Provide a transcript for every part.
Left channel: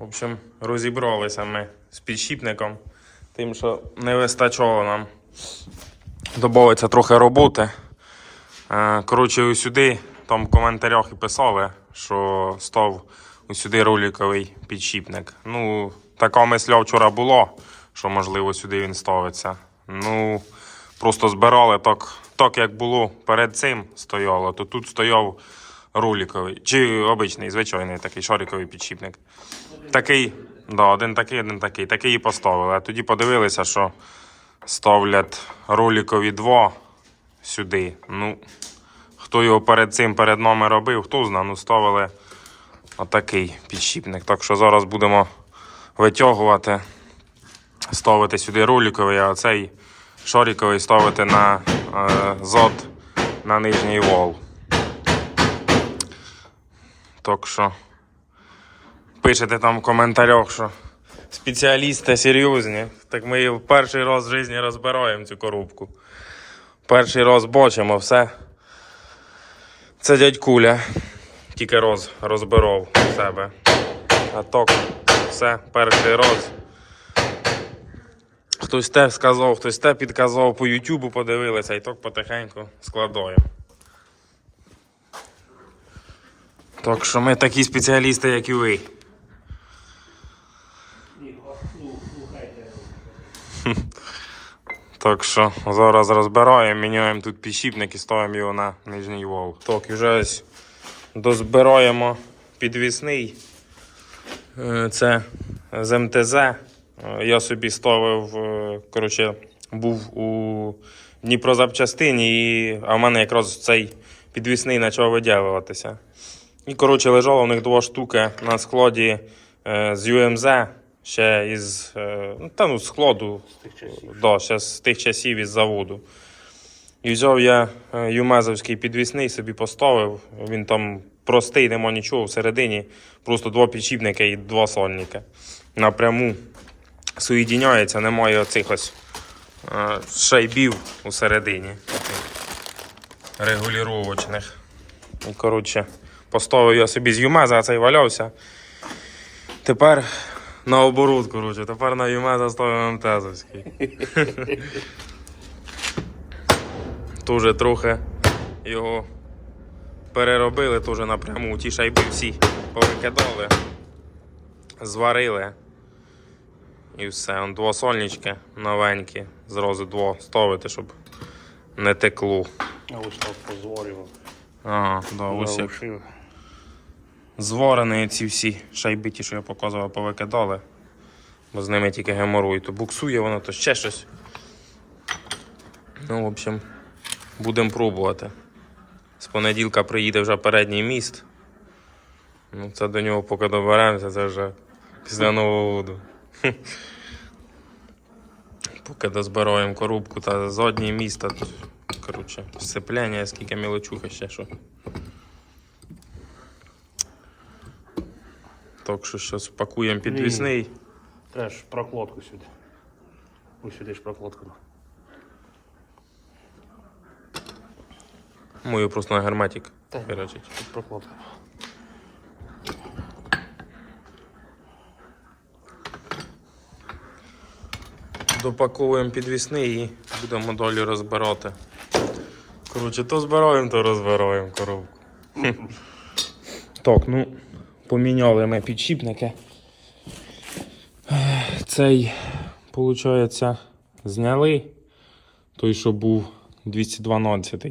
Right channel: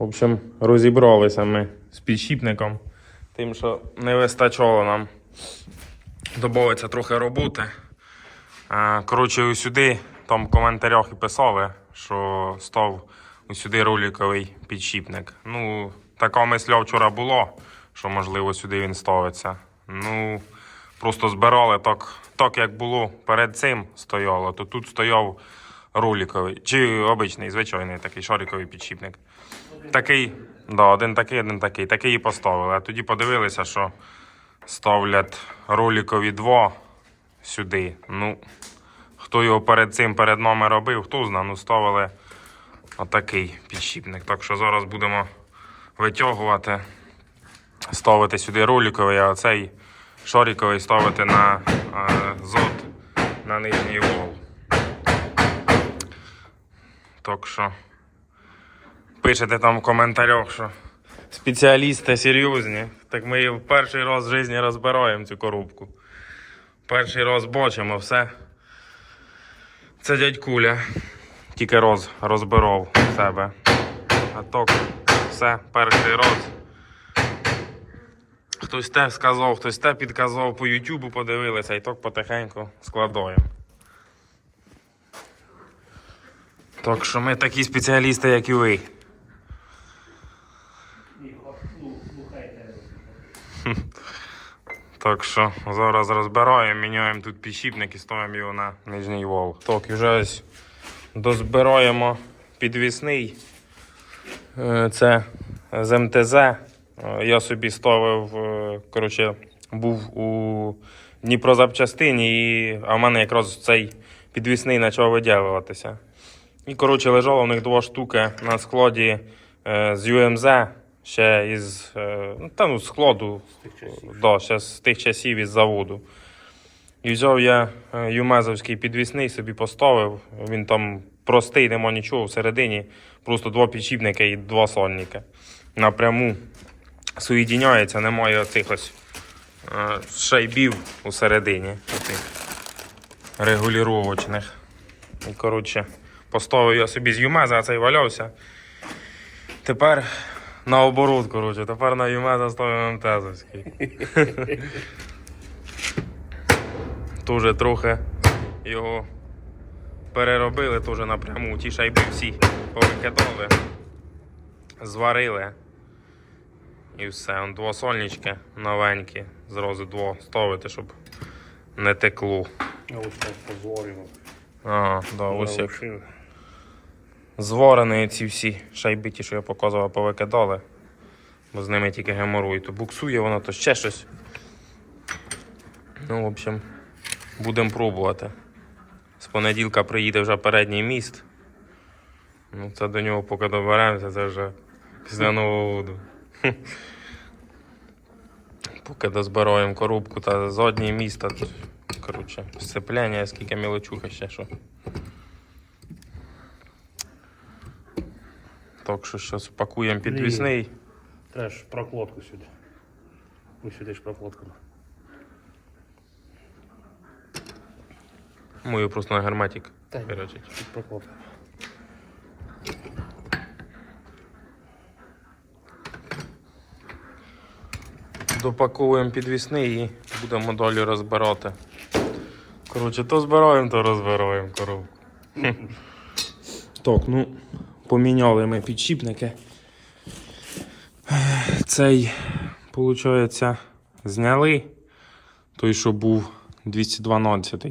В общем, розібралися ми з підшипником, тим, що не вистачало нам. Добавиться трохи роботи. Е, Коротше, ось сюди там в коментарях і писали, що став ось сюди роликовий підшипник. Ну, така мисля вчора було, що можливо сюди він ставиться. Ну, просто збирали так, так як було перед цим стояло, то тут стояв роликовий, чи обичний, звичайний такий шариковий підшипник. Такий, да, один такий, один такий. Такий і поставили. А тоді подивилися, що ставлять роликові два сюди. Ну, хто його перед цим перед нами робив, хто знає, ну ставили отакий підшипник. Так що зараз будемо витягувати, ставити сюди роликовий, а цей шариковий ставити на е, зод на нижній вол. Так що пишете там в коментарях, що спеціалісти серйозні. Так ми її в перший раз в житті розбираємо цю коробку. Перший раз бачимо все. Це дядь Куля. Тільки роз розбирав себе. А так, все, перший раз. Хтось те сказав, хтось те підказав по Ютубу, подивилися і так потихеньку складаємо. Так що ми такі спеціалісти, як і ви. Так що зараз розбираємо, міняємо тут підшипник і ставимо його на нижній вол. Так, і вже дозбираємо підвісний. Е, Це з МТЗ. Е, Я собі ставив, е, коротше, був у Дніпрозапчастині, і, а в мене якраз цей підвісний почав виділюватися. І, коротше, лежало у них два штуки на складі з UMZ, ще із е, ну, та, ну, складу, да, ще з тих часів із заводу. І взяв я е, юмезовський підвісний, собі поставив. Він там простий, нема нічого всередині. Просто два підшипники і два сольники. Напряму соєдиняється, немає оцих ось е, шайбів усередині. Оцих регулювачних. І, коротше, поставив я собі з юмеза, а цей валявся. Тепер наоборот, коротше, тепер на юмеза ставив МТЗовський. Тоже трохи його переробили, теж напряму. Ті шайби всі повикидали, зварили. І все. Он двосольнички новенькі. Зразу дво ставити, щоб не текло. А ось так позволив. Ага, да, ось як зварені ці всі шайби, ті, що я показував, повикидали. Бо з ними тільки геморой. То буксує воно, то ще щось. Ну, в общем, будемо пробувати. З понеділка приїде вже передній міст. Ну, це до нього поки доберемося, це вже після Нового году. Поки дозбираємо коробку та заднє місто. Коротше, сцепляння, скільки мілочуха ще що. Так що зараз пакуємо підвісний. Теж прокладку сюди. Ось сюди ж прокладку. Мою просто на герметик. Так. Тут прокладка. Допаковуємо підвісний і будемо далі розбирати. Коротше, то збираємо, то розбираємо коробку. так, ну, поміняли ми підшипники. Цей, виходить, зняли. Той, що був 212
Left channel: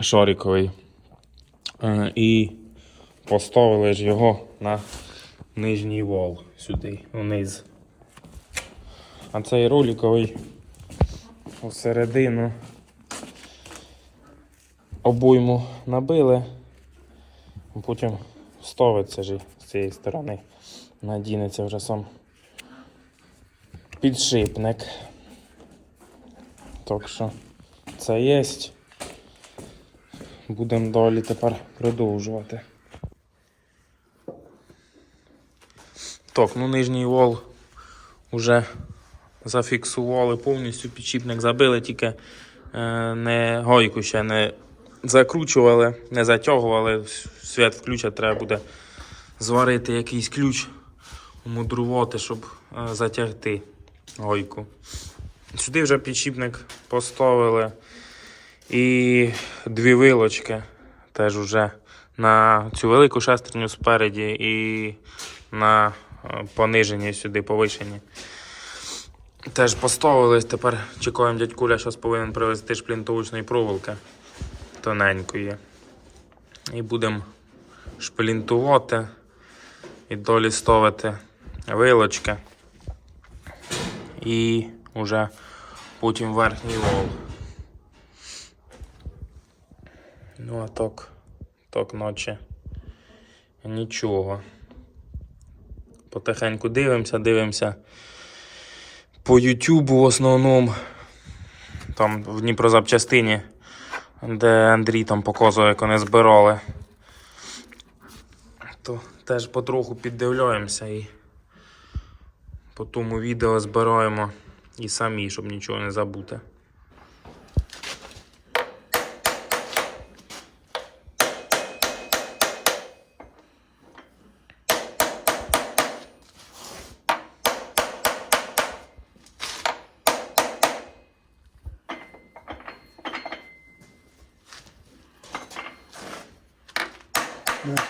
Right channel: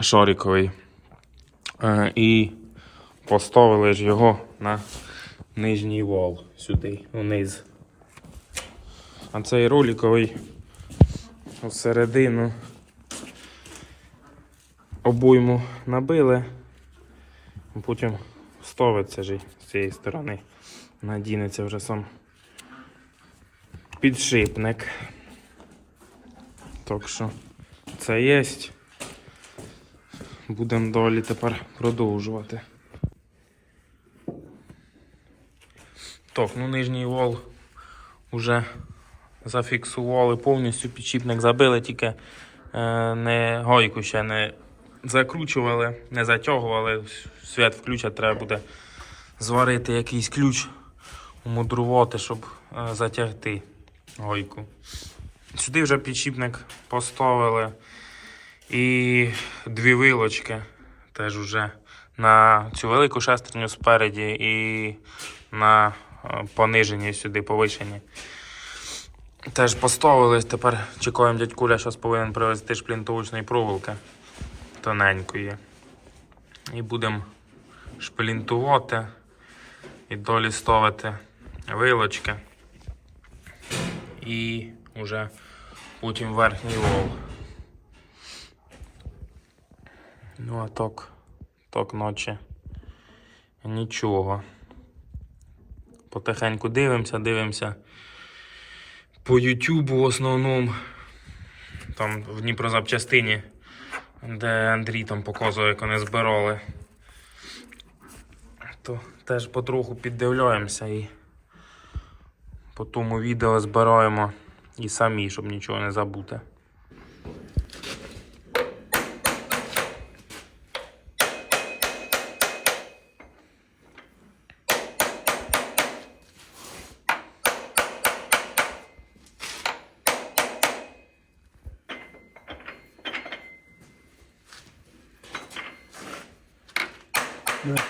шариковий. Е, І поставили ж його на нижній вал сюди, вниз. А цей роликовий всередину обойму набили, потім ставиться ж з цієї сторони. Надінеться вже сам підшипник. Так що це є. Будемо далі тепер продовжувати. Так, ну нижній вал уже зафіксували повністю, підшипник забили, тільки е, не гайку ще не закручували, не затягували. Свят включать, треба буде зварити якийсь ключ. мудрувати, щоб е, затягти гойку. Сюди вже підшипник поставили. І дві вилочки теж вже на цю велику шестерню спереді і на е, пониженні сюди повишені. Теж поставили, тепер чекаємо дядь Куля, зараз повинен привезти шплінтовочної проволоки тоненької. І будемо шплінтувати і долі ставити вилочки. І вже потім верхній вол. Ну а так, так ночі. Нічого. Потихеньку дивимося, дивимося по Ютубу в основному. Там в Дніпрозапчастині, де Андрій там показує, як вони збирали. То теж потроху піддивляємося і по тому відео збираємо і самі, щоб нічого не забути.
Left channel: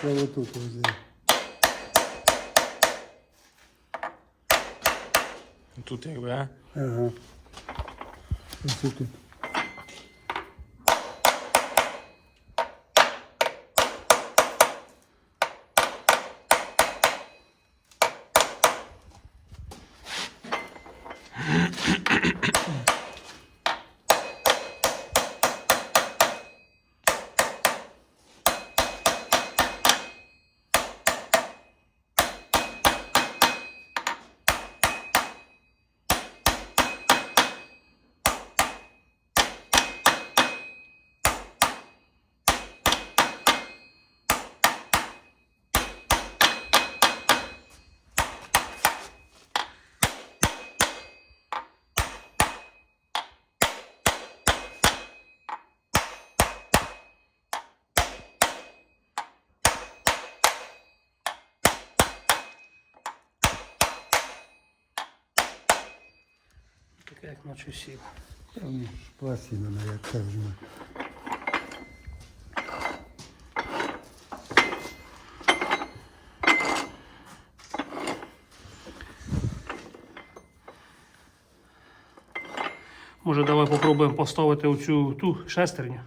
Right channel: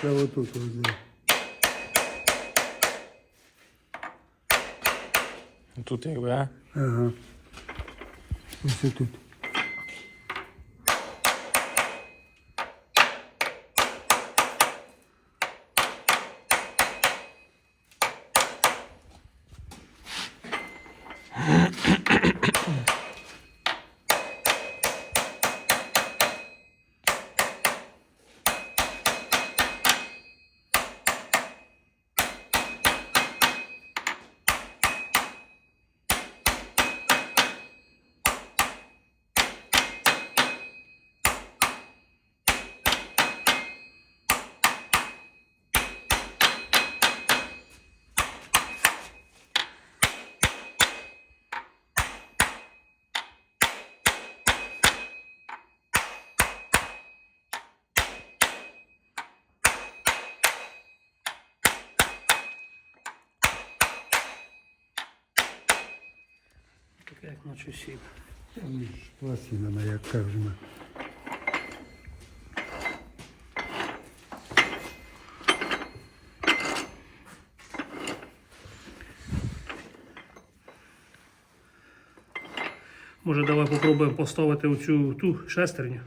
Наче отут возле. Тут якби, а? Ага. Ось тут. Як наче сів. Пластина як так жме. Може, давай попробуємо поставити оцю ту шестерню.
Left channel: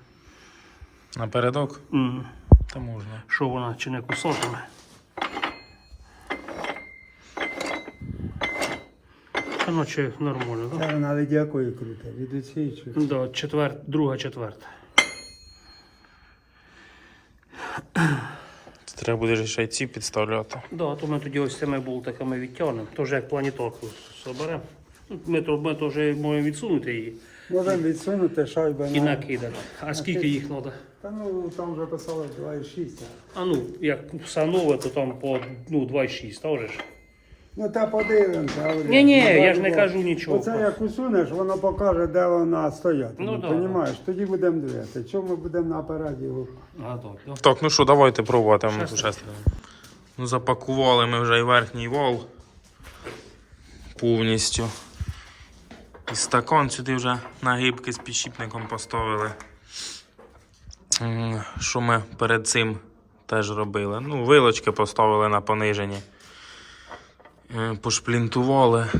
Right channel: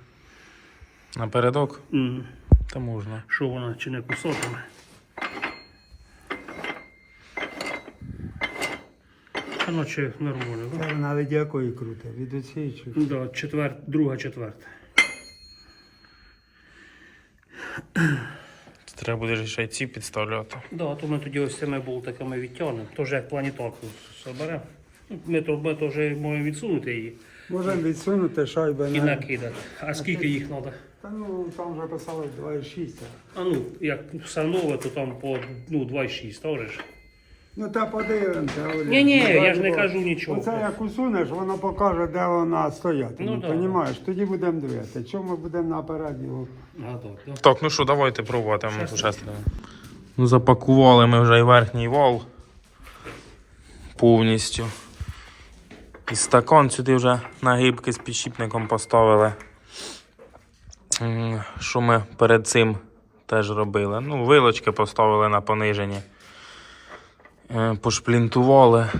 Напередок? М, Та можна. Що вона чи не кусатиме. Та наче нормально, так? Це від якої крута? Від оцієї чи? Да? Да, четвер... друга четверта. Це треба буде ще й ці підставляти. Да, то ми тоді ось цими болтиками відтягнемо. Тож як планітарку соберемо. Ми то, ми то вже можемо відсунути її Можемо відсунути шайби і на... накидати. А скільки їх треба? Та ну там вже писали 2,6. А ну, як все нове, то там по ну, 2,6, теж. ж? Ну та подивимося. говорю. Ні-ні, Ну, я ж не кажу нічого. Оце як усунеш, воно покаже, де вона стоятиме. Ну, Ну, да. Понімаєш? Тоді будемо дивитися. Чому ми будемо наперед його? А, так, да. Так, ну що, давайте пробувати ми. Ну, запакували ми вже і верхній вал повністю. І стакан сюди вже нагибки з підшипником поставили. М, Що ми перед цим теж робили? Ну, вилочки поставили на пониженні. Е, Пошплінтували.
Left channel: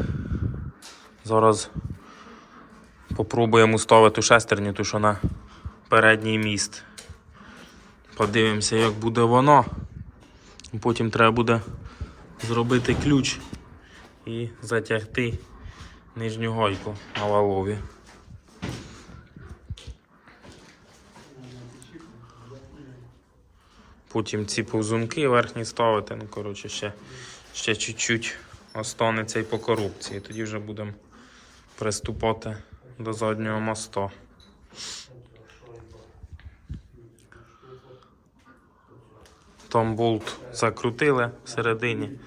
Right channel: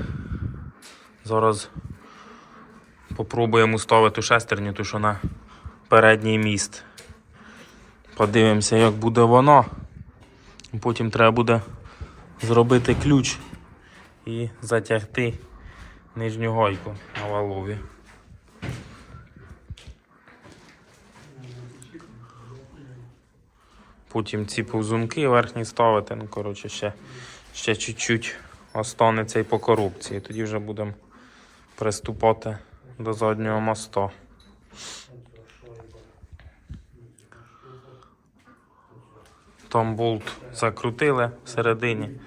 Зараз попробуємо ставити шестерню, ту що на передній міст. Подивимося, як буде воно. Потім треба буде зробити ключ і затягти нижню гойку на валові. Потім ці повзунки верхні ставити. Ну, коротше, ще, ще чуть-чуть останеться і по корупції. Тоді вже будемо приступати до заднього моста. Там болт закрутили всередині.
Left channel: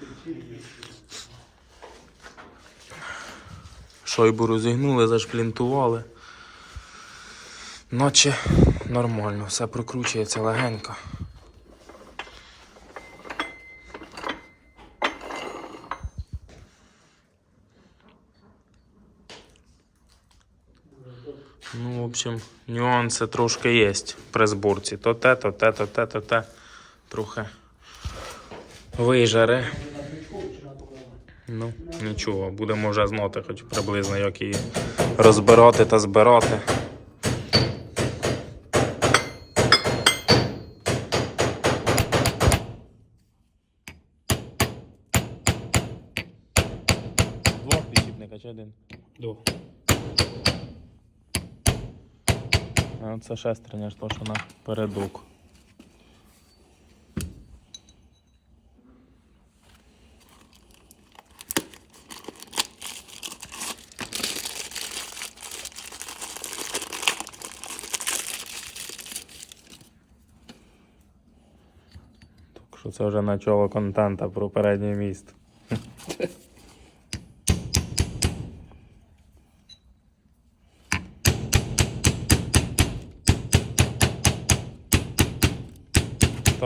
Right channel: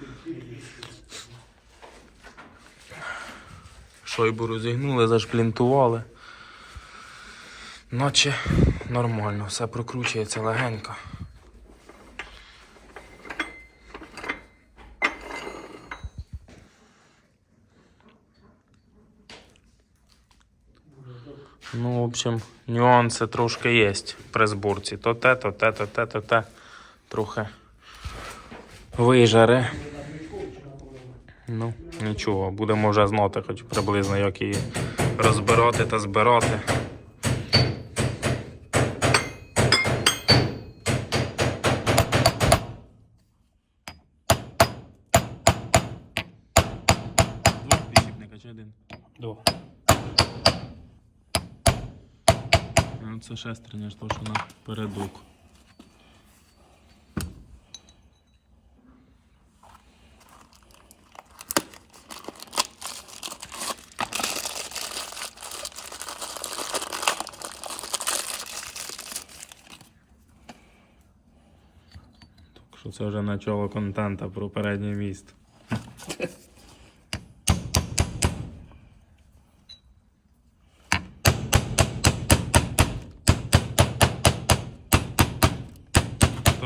Шойбу розігнули, зашплінтували. Наче нормально, все прокручується легенько. Ну, в общем, нюанси трошки є при зборці. То те, то те, то те, то те. Трохи вижаре. Ну, нічого, будемо вже знати, хоч приблизно, як її розбирати та збирати. Два підсіпника чи один? До. А це шестерня ж то, що на передок. Що це вже начало контента про переднє місто.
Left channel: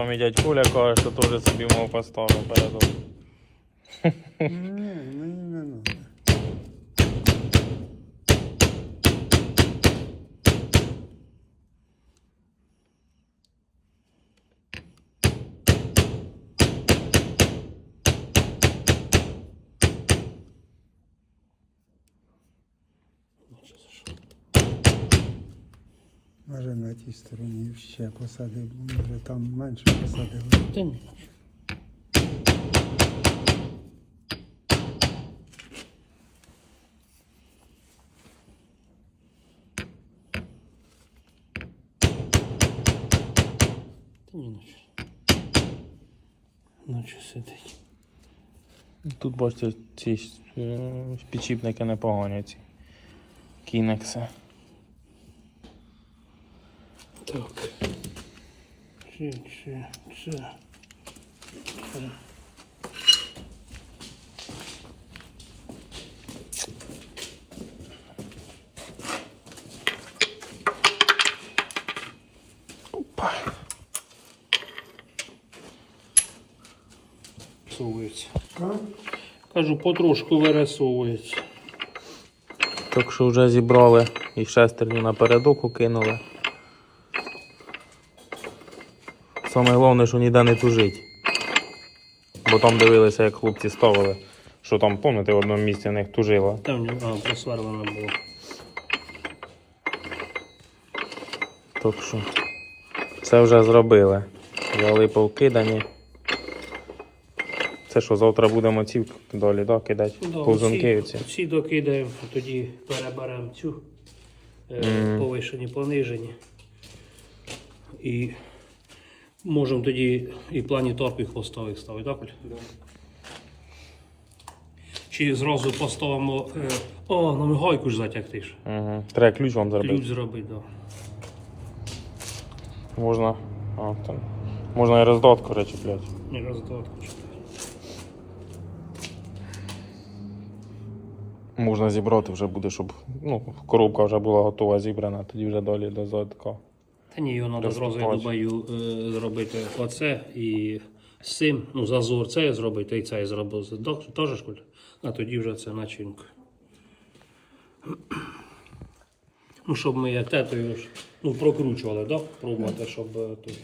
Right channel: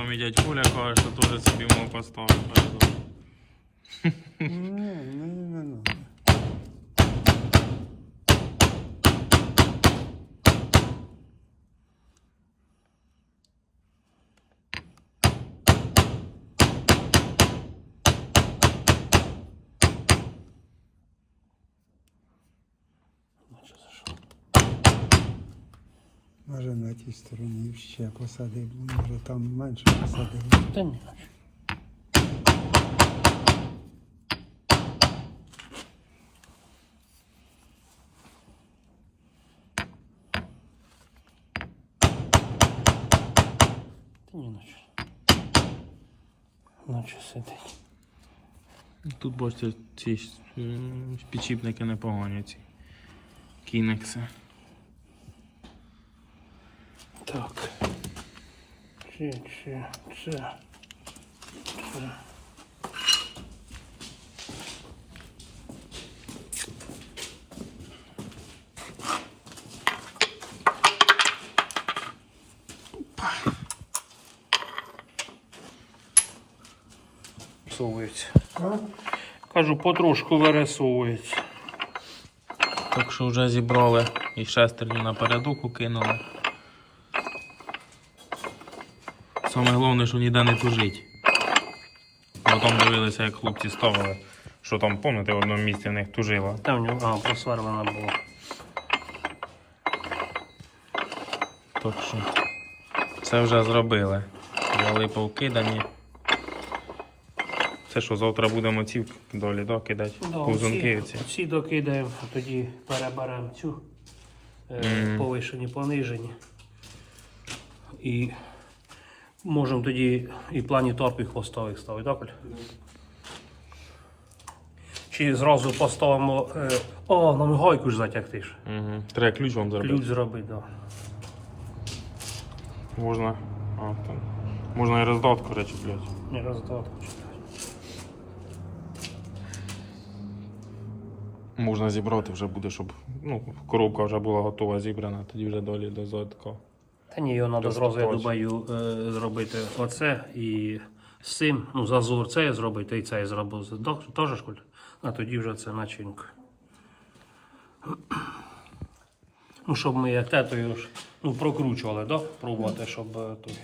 Там і дядь Коля каже, що теж собі мов поставив передок. Тій стороні ще посадив, може там менше посадив. Та ні. Та ні, ночі. Ночі сидить. Тут бачите, ці е, підчіпники непогані ці. Кінекси. Це, це, це. Це. Совується. Кажу, потрошку вирисовується. Так що вже зібрали і шестерню на передок укинули. Саме головне, що ніде не тужить. Бо там дивилися, як хлопці ставили. Що там, пам'ятаєте, в одному місці в них тужило. Там в нього ага, було. Так що це вже зробили. Вали повкидані. Це що, завтра будемо ці долі да, кидати? Повзунки всі, всі докидаємо, тоді переберемо цю Мгм. повишені, понижені. І можемо тоді і плані топ і хвостових ставити, так? Оль? Чи зразу поставимо. Е, о, нам гайку ж затягти ж. Угу. Треба ключ вам зробити. Ключ зробити, так. Можна. А, там. Можна і роздатку речіпляти. Не роздатку. Можна зібрати вже буде, щоб ну, коробка вже була готова зібрана, тоді вже далі до задка. Та ні, його треба зразу, я думаю, е, зробити оце і з цим, ну, зазор це зробити, і це зробити. Док- Теж ж Коль? А тоді вже це начинка. Ну, щоб ми як тетою ну, прокручували, да? пробувати, щоб е, той.